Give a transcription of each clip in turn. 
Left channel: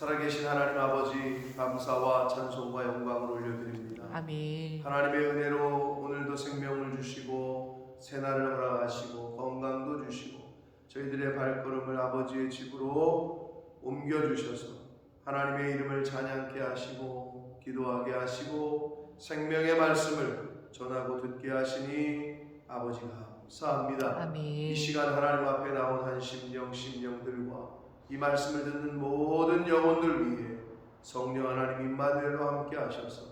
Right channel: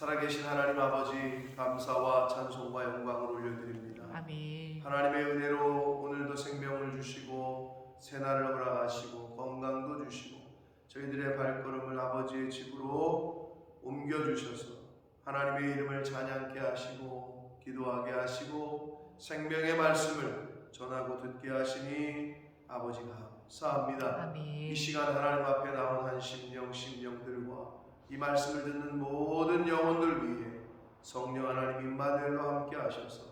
살아계신 하나님 아버지, 감사와 찬송과 영광을 올려드립니다. 아멘. 하나님의 은혜로 오늘도 생명을 주시고 새날을 허락하시고 건강도 주시고 저희들의 발걸음을 아버지의 집으로 옮겨주셔서 하나님의 이름을 찬양케 하시고 기도하게 하시고 생명의 말씀을 전하고 듣게 하시니 아버지 감사합니다. 아멘. 이 시간 하나님 앞에 나온 한 심령들과 이 말씀을 듣는 모든 영혼들 위해 성령 하나님 임마누엘로 함께 하셔서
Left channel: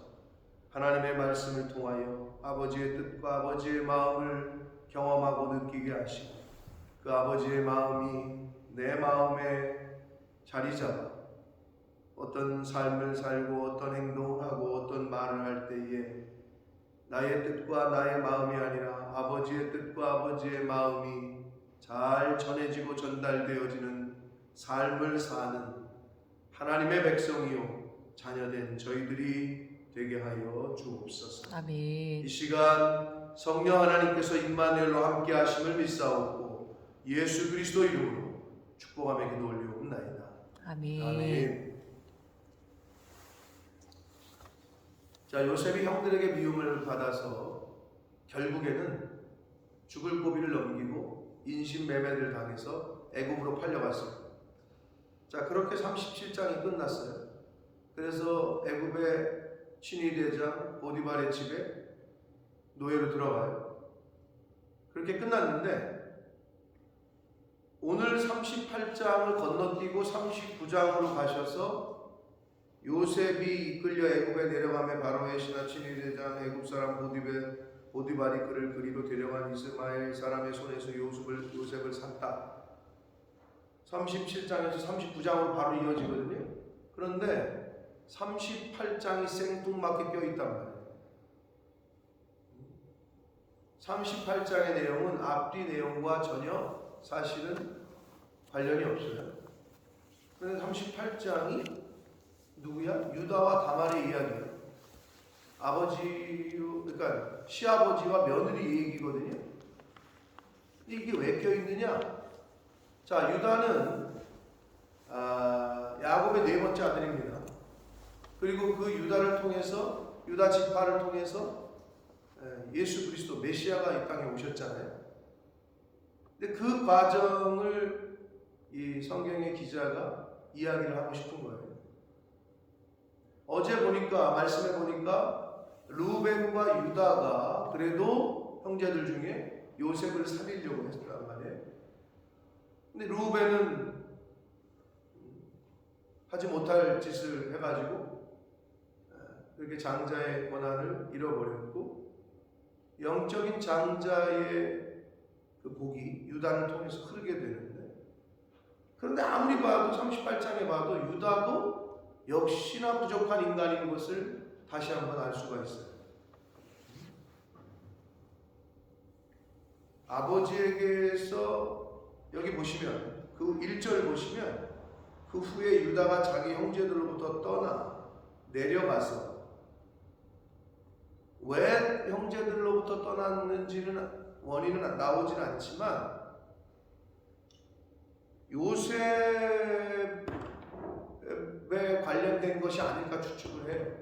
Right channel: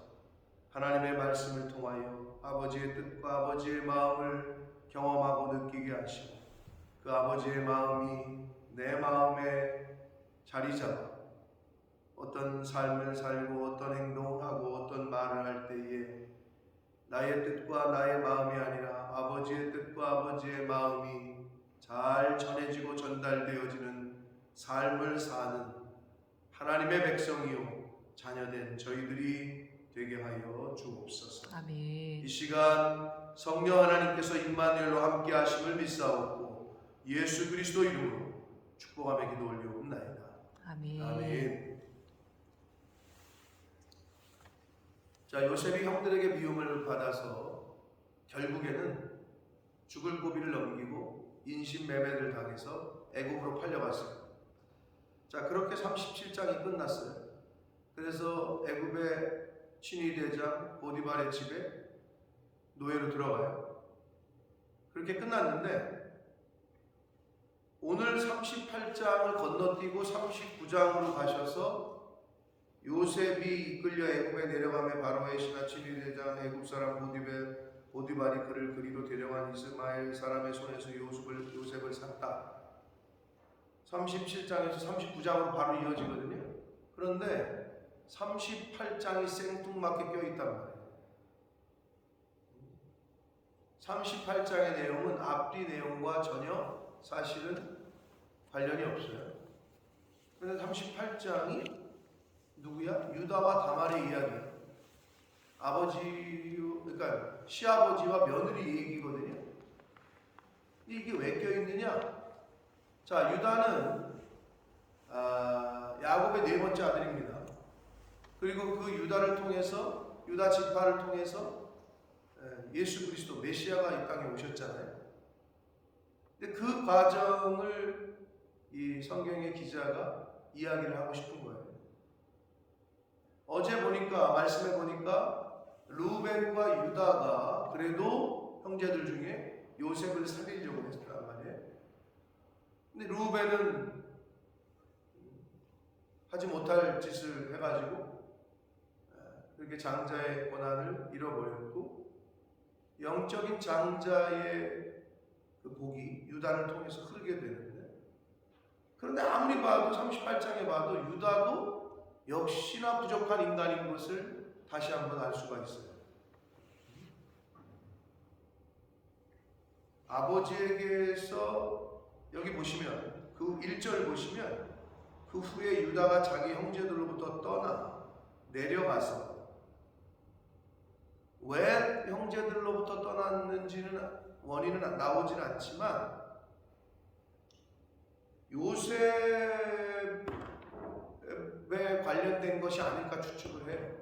하나님의 말씀을 통하여 아버지의 뜻과 아버지의 마음을 경험하고 느끼게 하시고 그 아버지의 마음이 내 마음에 자리 잡아 어떤 삶을 살고 어떤 행동을 하고 어떤 말을 할 때에 나의 뜻과 나의 마음이 아니라 아버지의 뜻과 아버지의 마음이 잘 전해지고 전달되어지는 삶을 사는 하나님의 백성이요 자녀된 저희들이 되게 하여 주옵소서. 아멘. 이 시간 성령 하나님께서 임마누엘로 함께 하심을 믿사옵고 예수 그리스도 이름으로 축복하며 기도 올려옵나이다. 아멘. 아멘. 자, 요셉이 형들에게 미움을 받아서 결국에는 죽을 고비를 넘기고 인신매매를 당해서 애굽으로 팔려갔습니다. 자, 그렇게 37장이 끝났어요. 그래서 애굽의 친위대장 보디발의 집에 노예로 들어가요. 그렇게 끝났는데 오늘 38장을 건너뛰고 39장으로 가셔서 요셉이 이끌려 애굽에 내려가며 바로의 신하 친위대장 애굽 사람 보디발이 그를 그리로 데려간 이스마엘 사람의 손에서 요셉을 샀다. 37장에서 39장으로 바로 이어지거든요. 그런데 38장이 생뚱맞게 껴있단 말이에요. 38장의 내용은 앞뒤 내용과 전혀 사실은 관련이 없어요. 그런데 38장이 누구야? 유다와 다말의 이야기예요. 그러니까 시아버지와 며느리 얘기거든요. 근데 이게 왜 껴있느냐? 자, 유다는 야곱의 네 번째 아들입니다. 그리고 그 유다를 통해서 유다 지파를 통해서 예수 그리스도 메시아가 이 땅에 오셨잖아요. 근데 그 과정을 이 성경의 기자가 이야기를 하고 싶은 거예요. 어제 보니까 말씀에 보니까 루벤과 유다가 그래도 형제들 중에 요셉을 살리려고 했단 말이에요. 근데 루벤은 하지 못할 짓을 해가지고 그렇게 장자의 권한을 잃어버렸고 영적인 장자의 그 복이 유다를 통해서 흐르게 되는데 그런데 아무리 봐도 38장에 봐도 유다도 역시나 부족한 인간인 것을 다시 한번 알 수가 있어요. 아버지에게서 여기 보시면 그 1절 보시면 그 후에 유다가 자기 형제들로부터 떠나 내려가서 왜 형제들로부터 떠났는지는 원인은 나오진 않지만 요셉에 관련된 것이 아닐까 추측을 해요.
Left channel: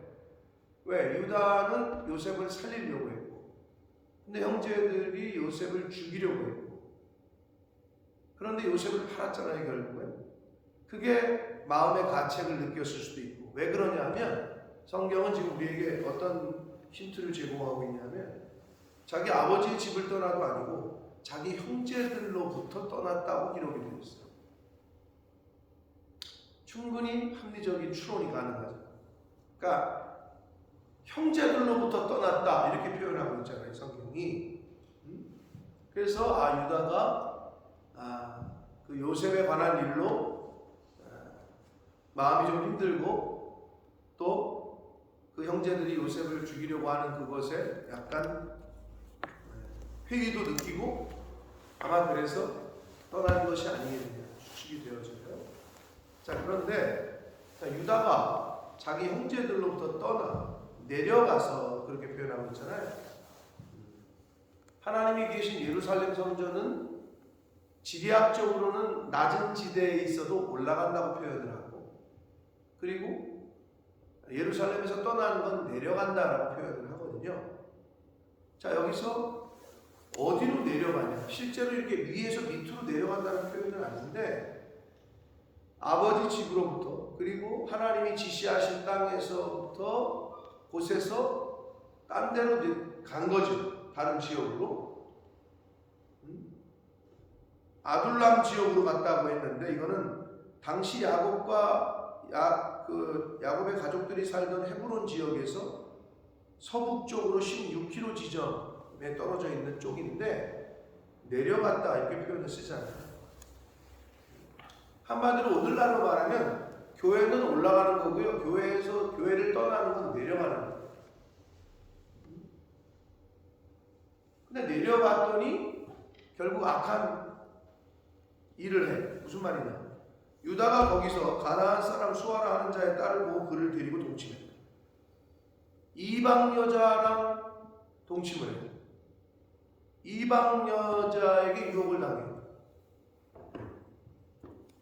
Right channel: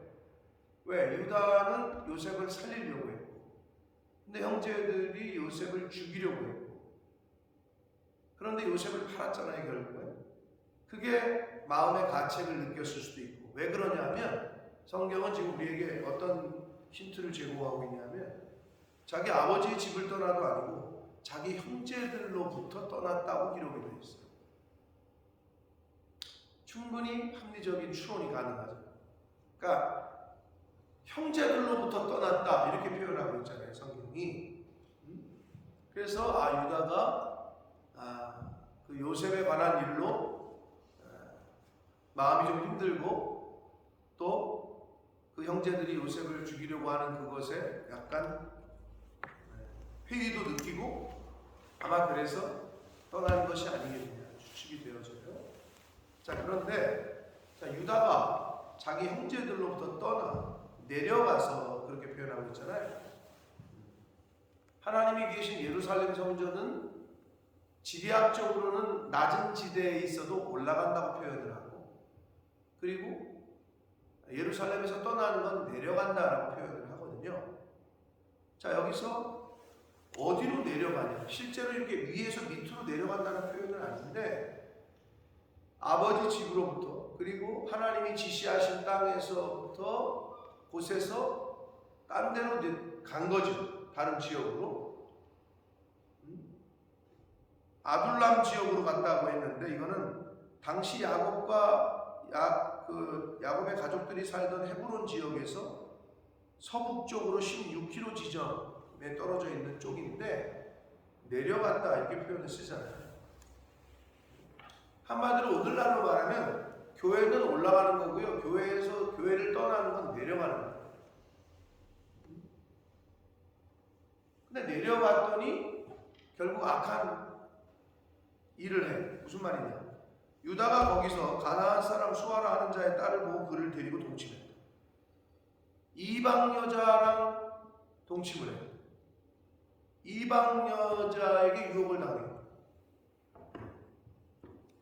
왜? 유다는 요셉을 살리려고 했고 근데 형제들이 요셉을 죽이려고 했고 그런데 요셉을 팔았잖아요. 결국엔 그게 마음의 가책을 느꼈을 수도 있고 왜 그러냐 하면 성경은 지금 우리에게 어떤 힌트를 제공하고 있냐면 자기 아버지의 집을 떠나도 아니고 자기 형제들로부터 떠났다고 기록이 되어 있어요. 충분히 합리적인 추론이 가능하죠. 그러니까 형제들로부터 떠났다 이렇게 표현하고 있잖아요. 성경이. 그래서 유다가 그 요셉에 관한 일로 마음이 좀 힘들고 또 그 형제들이 요셉을 죽이려고 하는 그것에 약간 회의도 느끼고 아마 그래서 떠난 것이 아니겠느냐 추측이 되어져요. 자, 그런데 유다가 자기 형제들로부터 떠나 내려가서 그렇게 표현하고 있잖아요. 하나님이 계신 예루살렘 성전은 지리학적으로는 낮은 지대에 있어도 올라간다고 표현을 하고 그리고 예루살렘에서 떠나는 건 내려간다라고 표현을 하거든요. 자, 여기서 어디로 내려가냐? 실제로 이렇게 위에서 밑으로 내려간다는 표현은 아닌데, 아버지 집으로부터, 그리고 하나님이 지시하신 땅에서부터, 곳에서 딴 데로 간 거죠. 다른 지역으로. 아둘람 지역으로 갔다고 했는데, 이거는 당시 야곱의 가족들이 살던 헤브론 지역에서 서북쪽으로 16km 지점에 떨어져 있는 쪽인데, 내려갔다 이렇게 표현을 쓰잖아요. 한마디로 오늘날로 말하면 교회는 올라가는 거고요, 교회를 떠나는 건 내려가는 거예요. 근데 내려갔더니 결국 악한 일을 해. 무슨 말이냐? 유다가 거기서 가나안 사람 수아라 하는 자의 딸을 보고 그를 데리고 동침했다. 이방 여자랑 동침을 해요. 이방 여자에게 유혹을 당해요.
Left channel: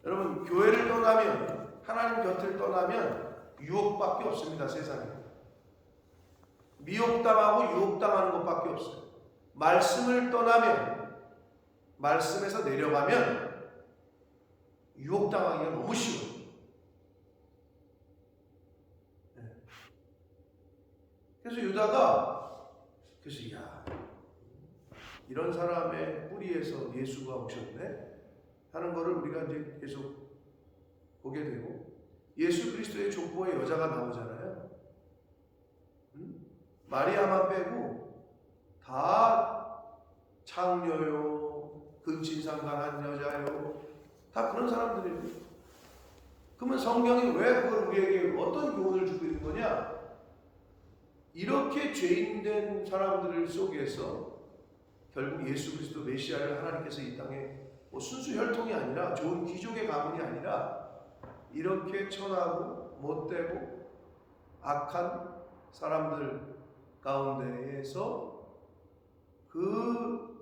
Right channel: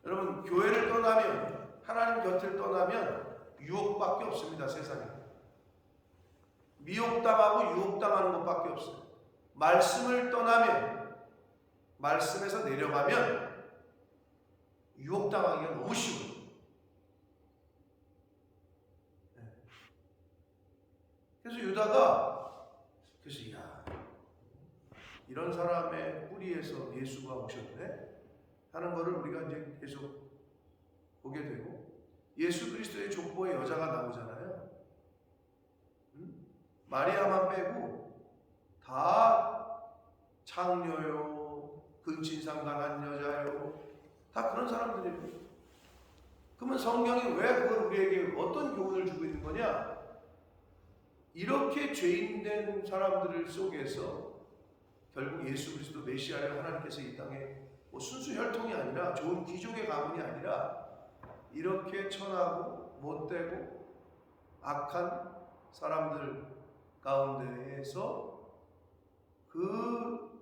여러분, 교회를 떠나면, 하나님 곁을 떠나면 유혹밖에 없습니다. 세상에 미혹당하고 유혹당하는 것밖에 없어요. 말씀을 떠나면, 말씀에서 내려가면 유혹당하기가 너무 쉬워요. 그래서 유다가, 이런 사람의 뿌리에서 예수가 오셨네 하는 것을 우리가 이제 계속 보게 되고, 예수 그리스도의 족보에 여자가 나오잖아요. 마리아만 빼고 다 창녀요, 근친상간한 여자요, 다 그런 사람들이에요. 그러면 성경이 왜 그걸 우리에게 어떤 교훈을 주고 있는 거냐? 이렇게 죄인된 사람들 속에서 결국 예수 그리스도 메시아를 하나님께서 이 땅에 순수 혈통이 아니라, 좋은 귀족의 가문이 아니라, 이렇게 천하고 못되고 악한 사람들 가운데에서 그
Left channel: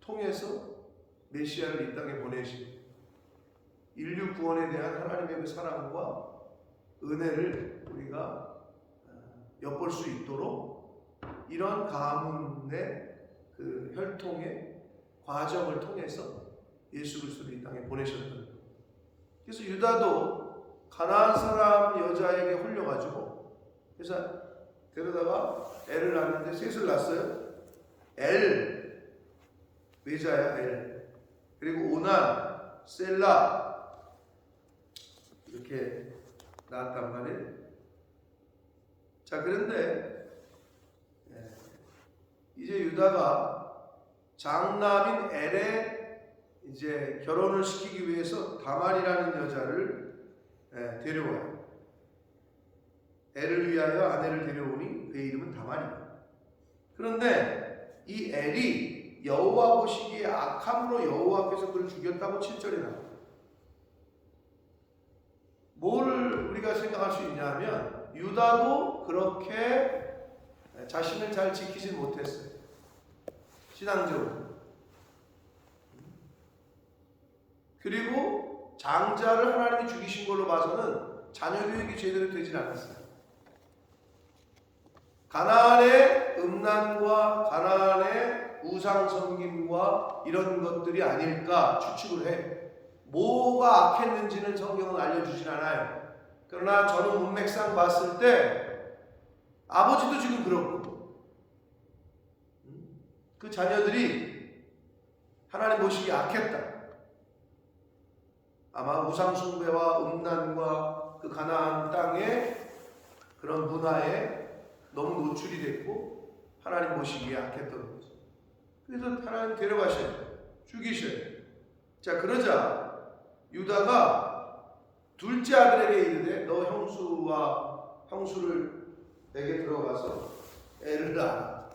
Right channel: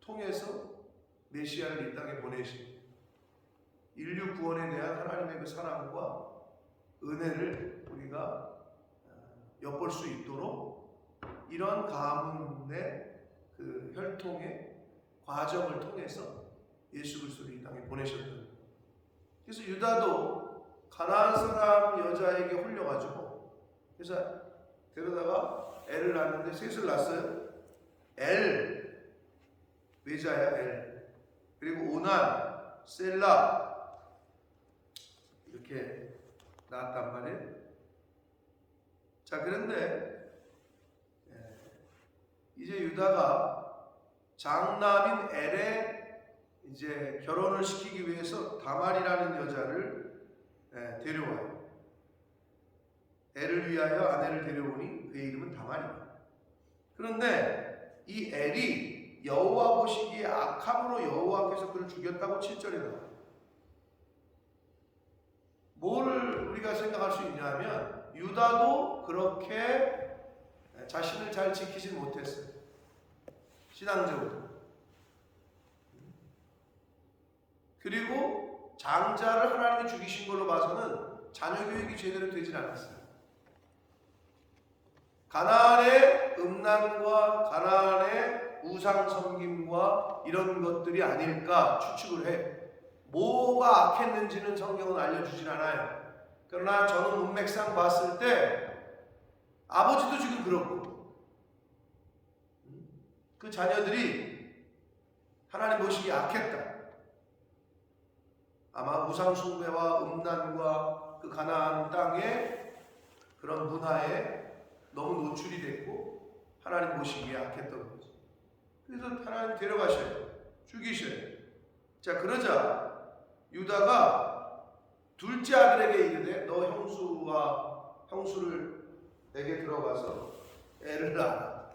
통해서 메시아를 이 땅에 보내신 인류 구원에 대한 하나님의 그 사랑과 은혜를 우리가 엿볼 수 있도록 이런 가문의 그 혈통의 과정을 통해서 예수 그리스도를 이 땅에 보내셨던 거예요. 그래서 유다도 가나안 사람 여자에게 홀려가지고, 그래서 데려다가 애를 낳았는데 셋을 낳았어요. 엘, 외자야 엘. 그리고 오난, 셀라 이렇게 낳았단 말이에요. 자, 그런데 이제 유다가 장남인 엘의 이제 결혼을 시키기 위해서 다말이라는 여자를 데려와요. 엘을 위하여 아내를 데려오니 그의 이름은 다말이다. 그런데 이 엘이 여호와 보시기에 악함으로 여호와께서 그를 죽였다고 7절에 나와요. 뭐를 우리가 생각할 수 있냐면, 유다도 그렇게 자신을 잘 지키지 못했어요. 신앙적으로. 그리고 장자를 하나님이 죽이신 걸로 봐서는 자녀 교육이 제대로 되질 않았어요. 가나안의 음란과 가나안의 우상 섬김과 이런 것들이 아닐까 추측을 해. 뭐가 악했는지는 성경은 알려주질 않아요. 그러나 저는 문맥상 봤을 때 아버지도 지금 그렇고, 그 자녀들이 하나님 보시기에 악했다. 아마 우상 숭배와 음란과 그 가나안 땅의 그런 문화에 너무 노출이 됐고 하나님 보시기에 악했던 거죠. 그래서 하나님 데려가셔요. 죽이셔요. 자, 그러자 유다가 둘째 아들에게 이르되 너 형수를 내게 들어가서 애를 낳아라.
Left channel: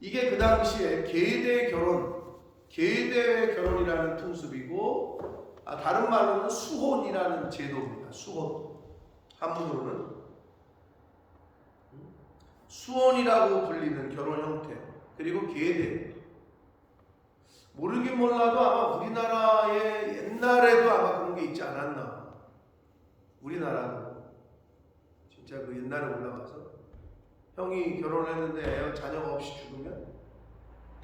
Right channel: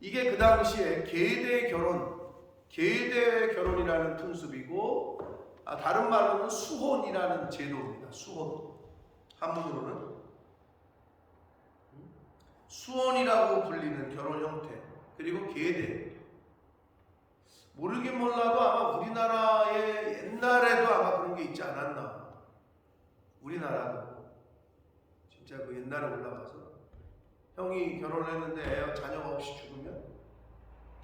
이게 그 당시에 계대의 결혼이라는 풍습이고, 다른 말로는 수혼이라는 제도입니다. 수혼. 한문으로는 수혼이라고 불리는 결혼 형태, 그리고 계대. 모르긴 몰라도 아마 우리나라의 옛날에도 아마 그런 게 있지 않았나. 우리나라도 진짜 그 옛날에 올라가서 형이 결혼을 했는데 자녀가 없이 죽으면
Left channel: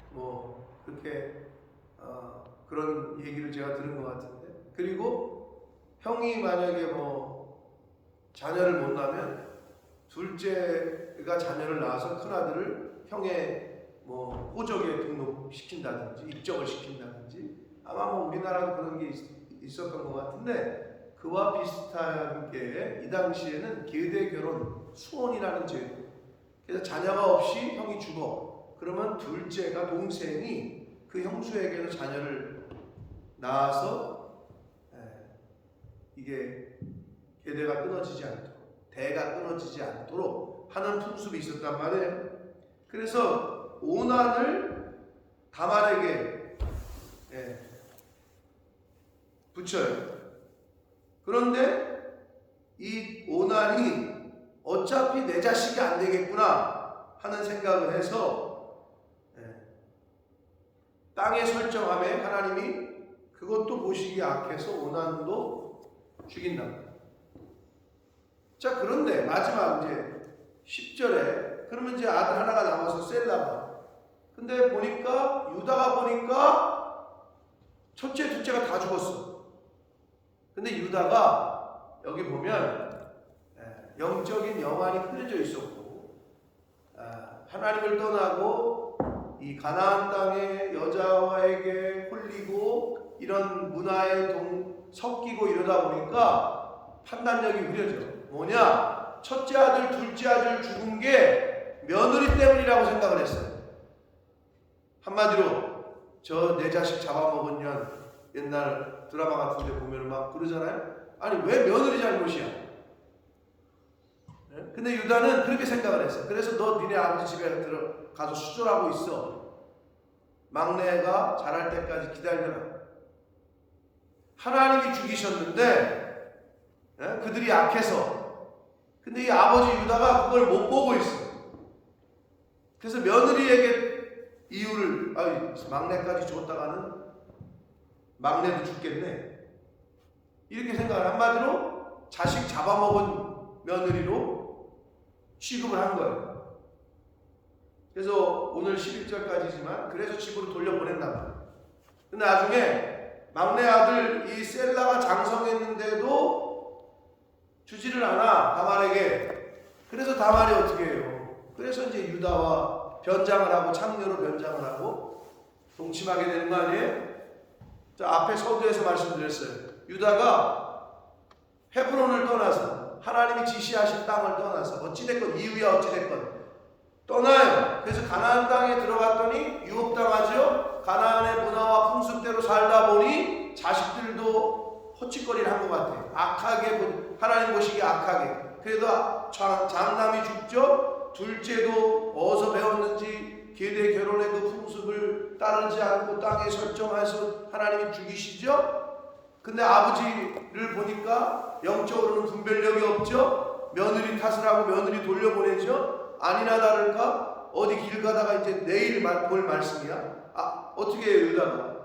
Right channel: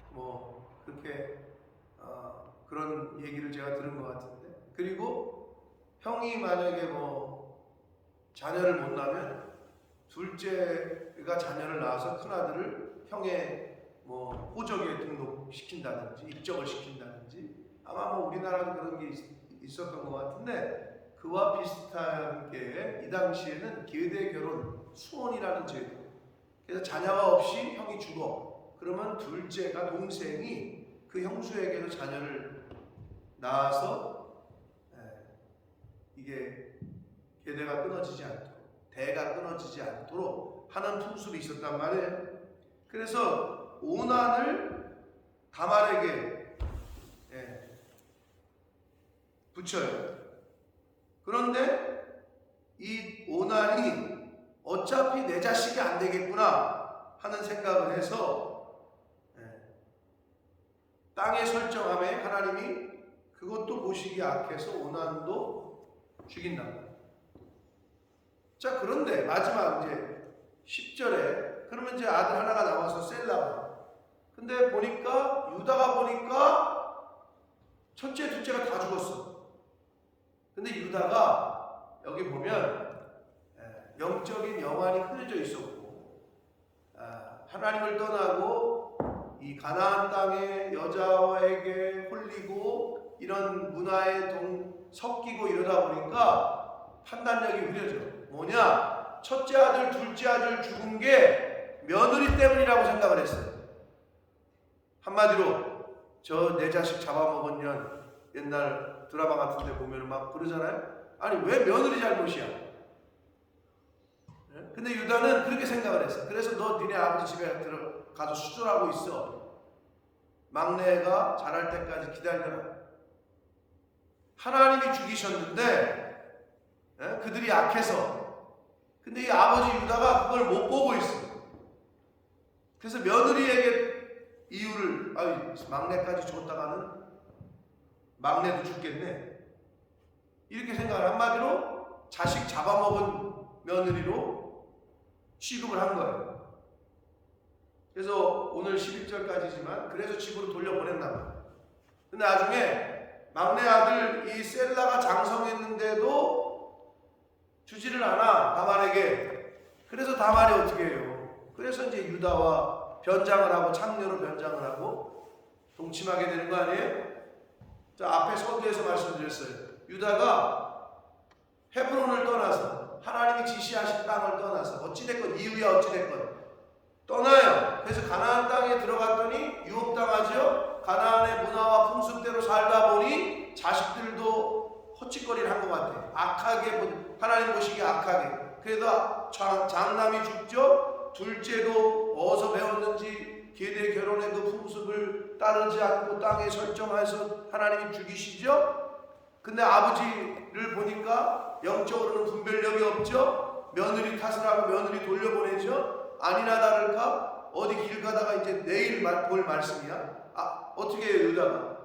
뭐 그렇게 그런 얘기를 제가 들은 것 같은데, 그리고 형이 만약에 뭐 자녀를 못 낳으면 둘째가 자녀를 낳아서 큰 아들을 형의 뭐 호적에 등록시킨다든지 입적을 시킨다든지, 아마 뭐 우리나라도 그런 게 있었던 것 같은데, 그와 비슷한 게 이 당시에는 계대 결혼 수혼이라는 제도. 그래서 자녀가 없이 형이 죽어. 그러면 둘째가 동생이 그 형수에게도 자녀를 낳아서 이게 계대가 끊어지지 않도록, 대가 끊어지지 않도록 하는 풍습이 있었단 말이에요. 그래서 오난을 다말에게 붙여요. 그런데 이 오난이 어차피 내 자식이 안 되겠구나 하는 생각을 해서 땅에 설정함에 하나님이 그것도 보시기 악해서 오난도 죽인답니다. 자, 그런데 마지막 이제 10절에 그러면 이제 아들 하나가 남아서 셀라가, 근데 보니까 유다가 보니까 첫째 둘째가 다 죽었어. 근데 유다가 여기 보면 영적인 영안이 흐려져 있었고, 하나님을 떠나고 이 가나안 땅의 여자에게 홀리고 이런 문화에 섞이고 이러다 보니까 판단력이 흐려져. 뭐냐? 첫째 아들, 둘째 아들 죽은 게 며느리 때문이라고 생각을 했어요. 한마디로 저 내 자식 잡아먹은 년, 옛날 드라마 같은 데 보면 막 그러잖아요. 아니 왜 며느리 잘못이야? 근데 유다는 그렇게 생각을 했어. 그래서 너 니네 아버지 집에 들어가서 수절하고 있어. 막내가 자랄 때까지 기다려라. 하나님이 죽이셨는데 그들이 약해서. 근데 이 아버지 유다가 그걸 못 보고 있어. 그래서 며느리에게 이유를, 막내까지 줬다가는 막내도 죽겠네, 이렇게 생각을, 한마디로 자식 잡아먹은 며느리로 취급을 한 거예요. 그래서 오늘 11절까지지만 그래서 집으로 돌려보냈나 봐요. 근데 나중에 막내 아들 이 셀라가 장성했는데도 주지를 않아, 다말에게. 그래서 다말이 어떻게 해요? 그래서 이제 유다와 변장을 하고, 창녀로 변장을 하고 동침하게 되는 거 아니에요? 자, 앞에 서두에서 말씀드렸어요. 유다가 헤브론을 떠나서, 하나님이 지시하신 땅을 떠나서, 어찌됐건 이유야 어찌됐건 떠나요. 그래서 가나안 땅에 들어갔더니 유혹당하죠. 가나안의 문화와 풍습대로 살다 보니 자식들도 헛짓거리를 한 것 같아요. 악하게, 하나님 보시기에 악하게. 그래도 장남이 죽죠. 둘째도 어디서 배웠는지 계대 결혼의 그 풍습을 따르지 않고 땅에 설정해서 하나님이 죽이시죠. 근데 아버지를 보니까 영적으로는 분별력이 없죠. 며느리 탓을 하고 며느리 돌려보내죠. 아니나 다를까 어디 길 가다가 이제 내일 볼 말씀이야. 어떻게 해요? 유다가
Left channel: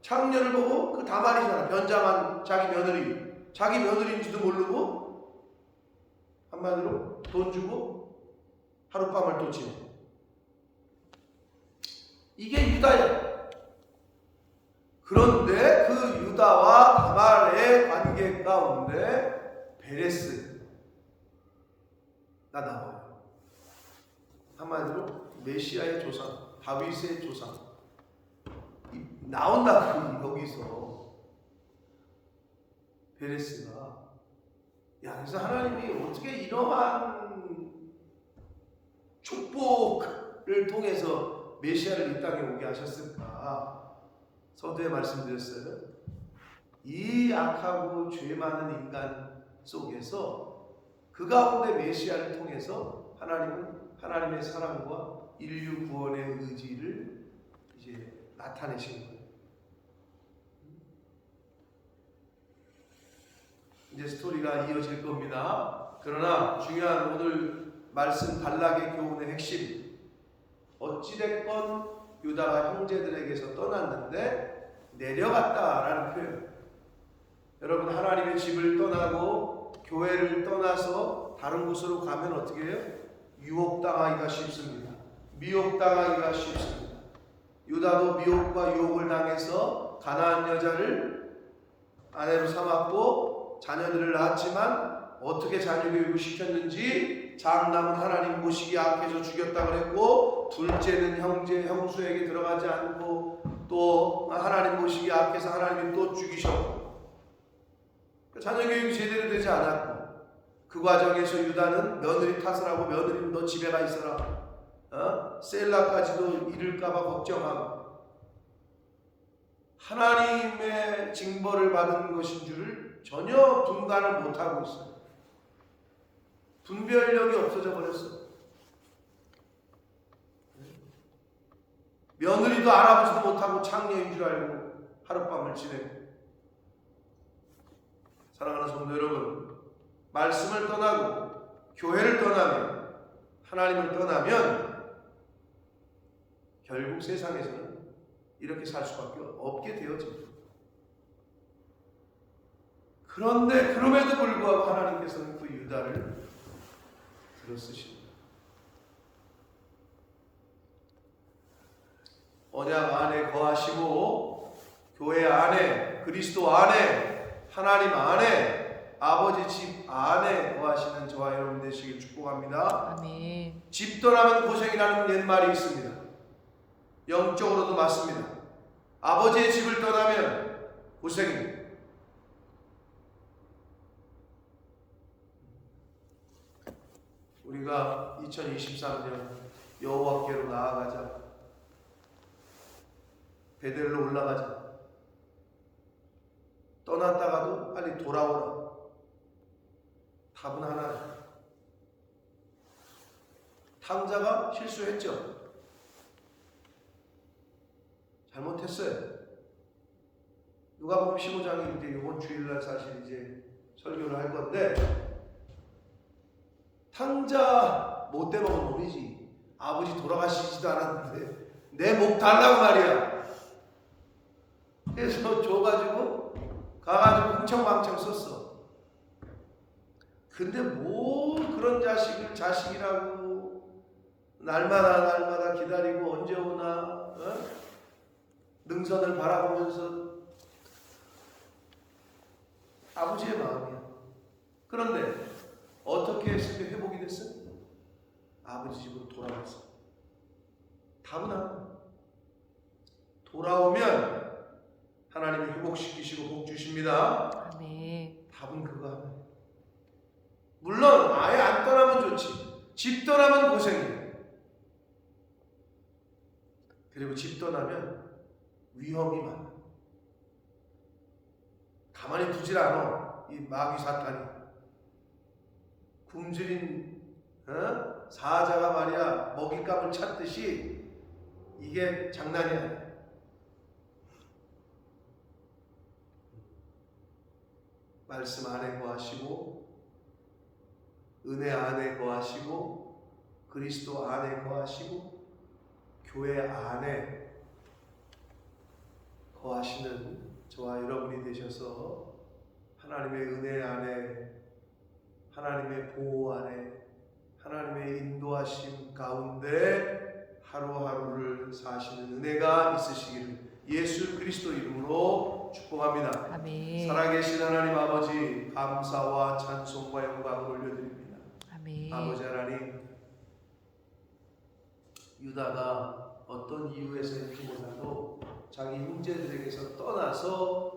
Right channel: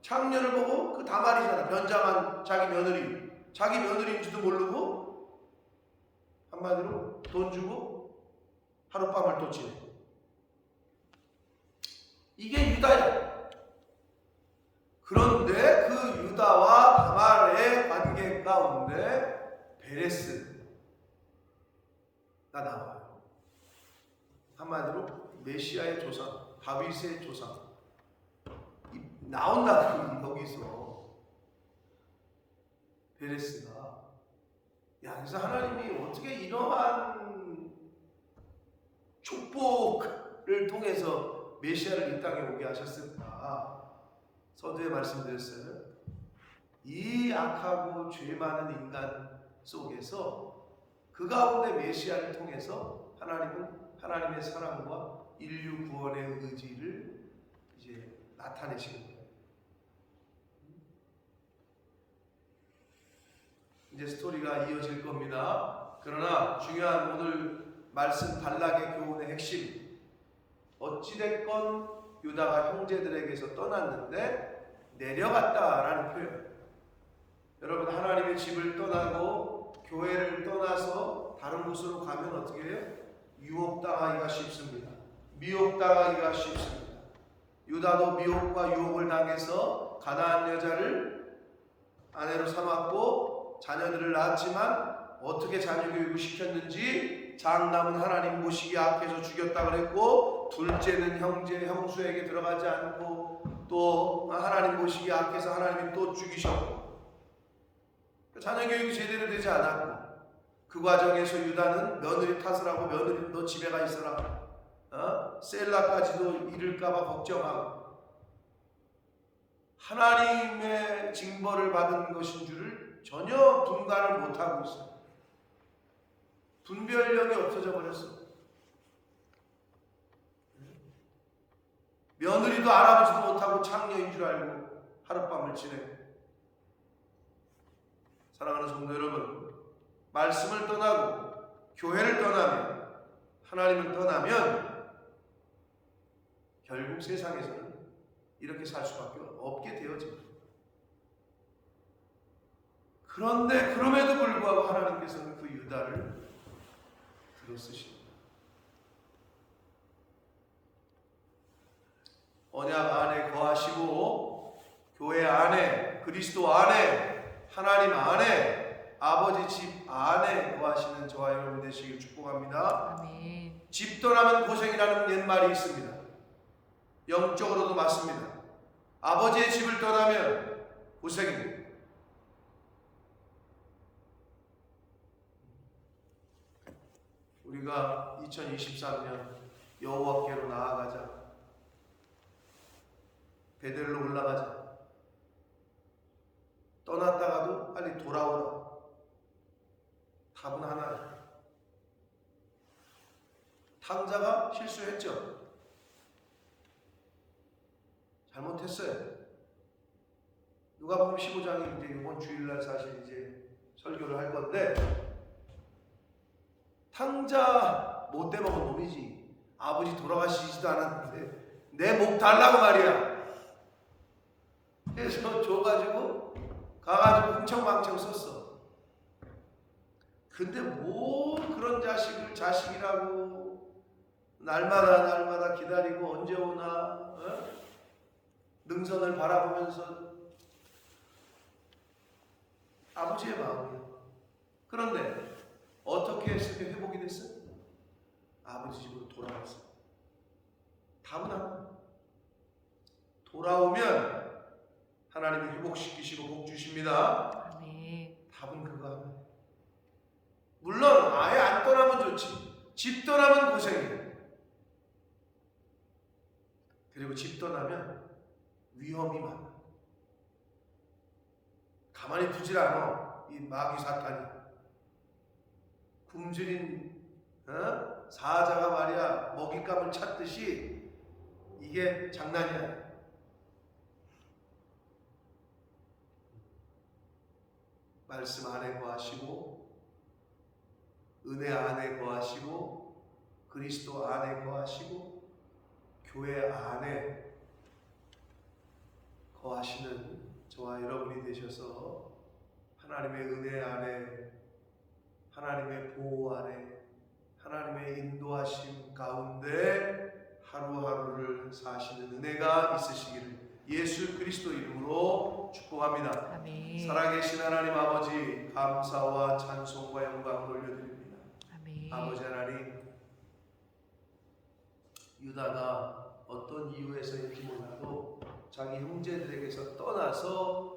창녀를 보고, 그 다말이잖아, 변장한 자기 며느리인지도 모르고 한마디로 돈 주고 하룻밤을 또 지내. 이게 유다야. 그런데 그 유다와 다말의 관계 가운데 베레스가 나와요. 한마디로 메시아의 조상, 다윗의 조상 나온다고. 여기서 베레스가, 그래서 하나님이 어떻게 이러한 축복을 통해서 메시아를 이 땅에 오게 하셨을까? 서두에 말씀드렸어요. 이 악하고 죄 많은 인간 속에서 그 가운데 메시아를 통해서 하나님은 하나님의 사랑과 인류 구원의 의지를 이제 나타내신 거예요. 이제 스토리가 이어질 겁니다. 그러나 중요한 오늘 말씀 발락의 교훈의 핵심, 어찌됐건 유다가 형제들에게서 떠났는데 내려갔다라는 표현. 여러분, 하나님의 집을 떠나고 교회를 떠나서 다른 곳으로 가면 어떻게 해요? 유혹당하기가 쉽습니다. 미혹당하기가 쉽습니다. 유다도 미혹과 유혹을 당해서 가나안 여자를 아내로 삼았고 자녀들을 낳았지만 어떻게 자녀 교육을 시켰는지 장남은 하나님 보시기 악해서 죽였다 그랬고, 둘째는 형수에게 들어가지 않고 또 하나님 보시기 악해서 하나님이 또 죽이셨고, 자녀 교육이 제대로 되지 않았고, 그 과정에서 유다는 며느리 탓을 하고 며느리는 너 집에 가 있어라, 셀라까지도 잃을까봐 걱정하고, 하나님의 징벌을 받은 것인 줄을 전혀 분간을 못하고 있어요. 분별력이 없어져 버렸어. 며느리도 알아보지도 못하고 창녀인 줄 알고 하룻밤을 지내고. 사랑하는 성도 여러분, 말씀을 떠나고 교회를 떠나면, 하나님을 떠나면 결국 세상에서는 이렇게 살 수밖에 없게 되어집니다. 그런데 그럼에도 불구하고 하나님께서는 그 유다를 들어쓰십니다. 언약 안에 거하시고 교회 안에, 그리스도 안에, 하나님 안에, 아버지 집 안에 거하시는 저와 여러분 되시길 축복합니다. 아멘. 집 떠나면 고생이라는 옛말이 있습니다. 영적으로도 맞습니다. 아버지의 집을 떠나면 고생입니다. 우리가 2023년 여호와께로 나아가자, 베델로 올라가자, 떠났다가도 빨리 돌아오라. 답은 하나예요. 탕자가 실수했죠. 잘못했어요. 누가복음 15장이 이제 이번 주일날 사실 이제 설교를 할 건데, 탕자 못돼 먹은 놈이지. 아버지 돌아가시지도 않았는데 내 목 달라고 말이야. 그래서 줘가지고 가가지고 흥청망청 썼어. 근데 뭐 그런 자식을 자식이라고 날마다 기다리고 언제 오나, 능선을 바라보면서. 아버지의 마음이야. 그런데 어떻게 했을 때 회복이 됐어요? 아버지 집으로 돌아왔어. 답은 하나. 돌아오면 하나님이 회복시키시고 복 주십니다. 네. 답은 그거 하나예요. 물론 아예 안 떠나면 좋지. 집 떠나면 고생이에요. 그리고 집 떠나면 위험이 많아. 가만히 두질 않아. 이 마귀 사탄이. 굶주린 사자가 말이야 먹잇감을 찾듯이 이게 장난이 아니야. 말씀 안에 거하시고, 은혜 안에 거하시고, 그리스도 안에 거하시고, 교회 안에 거하시는 저와 여러분이 되셔서 하나님의 은혜 안에, 하나님의 보호 안에, 하나님의 인도하심 가운데 하루하루를 사시는 은혜가 있으시기를 예수 그리스도 이름으로 축복합니다. 아멘. 살아계신 하나님 아버지, 감사와 찬송과 영광을 올려드립니다. 아멘. 아버지 하나님, 유다가 어떤 이유에서인지 몰라도 자기 형제들에게서 떠나서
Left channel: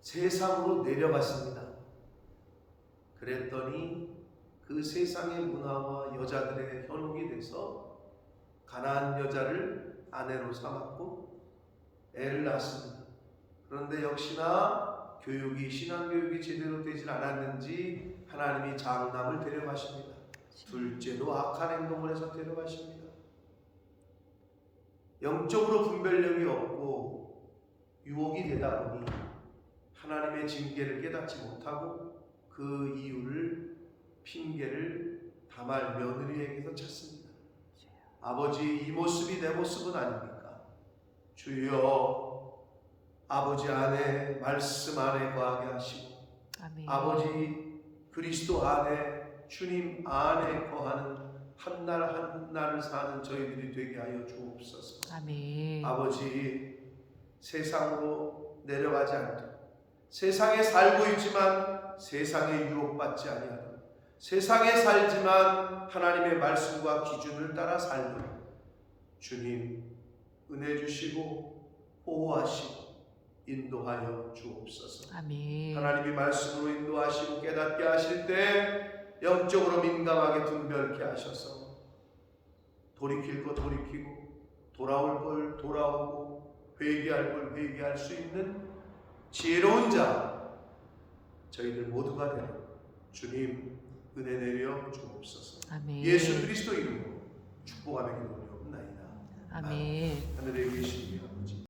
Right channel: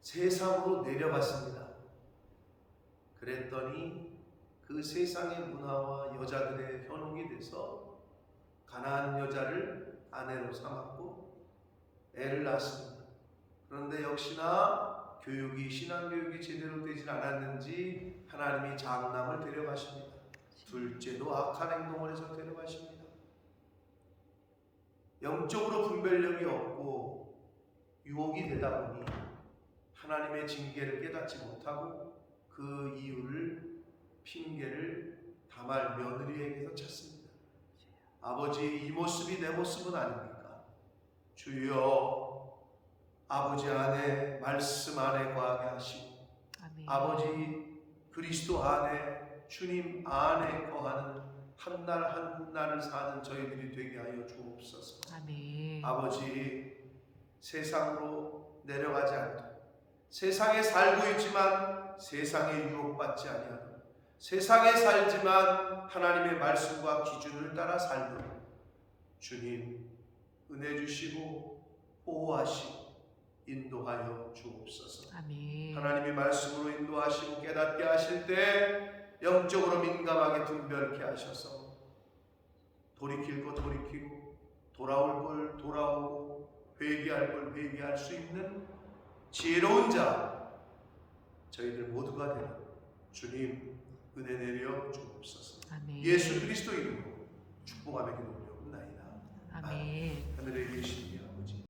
세상으로 내려갔습니다. 그랬더니 그 세상의 문화와 여자들의 현혹이 돼서 가나안 여자를 아내로 삼았고 애를 낳았습니다. 그런데 역시나 신앙교육이 제대로 되질 않았는지 하나님이 장남을 데려가십니다. 둘째도 악한 행동을 해서 데려가십니다. 영적으로 분별력이 없고 유혹이 되다 보니 하나님의 징계를 깨닫지 못하고 그 이유를, 핑계를 다말 며느리에게서 찾습니다. 아버지, 이 모습이 내 모습은 아닙니까? 주여 아버지 안에 말씀 안에 거하게 하시고 아멘. 아버지 그리스도 안에 주님 안에 거하는 한 날 한 날을 사는 저희들이 되게 하여 주옵소서. 아멘. 아버지 세상으로 내려가지 않도록 세상에 살고 있지만 세상에 유혹받지 아니하도록 세상에 살지만 하나님의 말씀과 기준을 따라 살도록 주님 은혜 주시고 보호하시고 인도하여 주옵소서. 아멘. 하나님의 말씀으로 인도하시고 깨닫게 하실 때 영적으로 민감하게 분별케 하셔서 돌이킬 것 돌이키고 돌아올 걸 돌아오고 회개할 걸 회개할 수 있는 지혜로운 자 저희들 모두가 되어 주님 은혜 내려 주옵소서. 아멘. 예수 그리스도 이름으로 축복하며 기도하옵나이다. 아멘. 하늘에 계신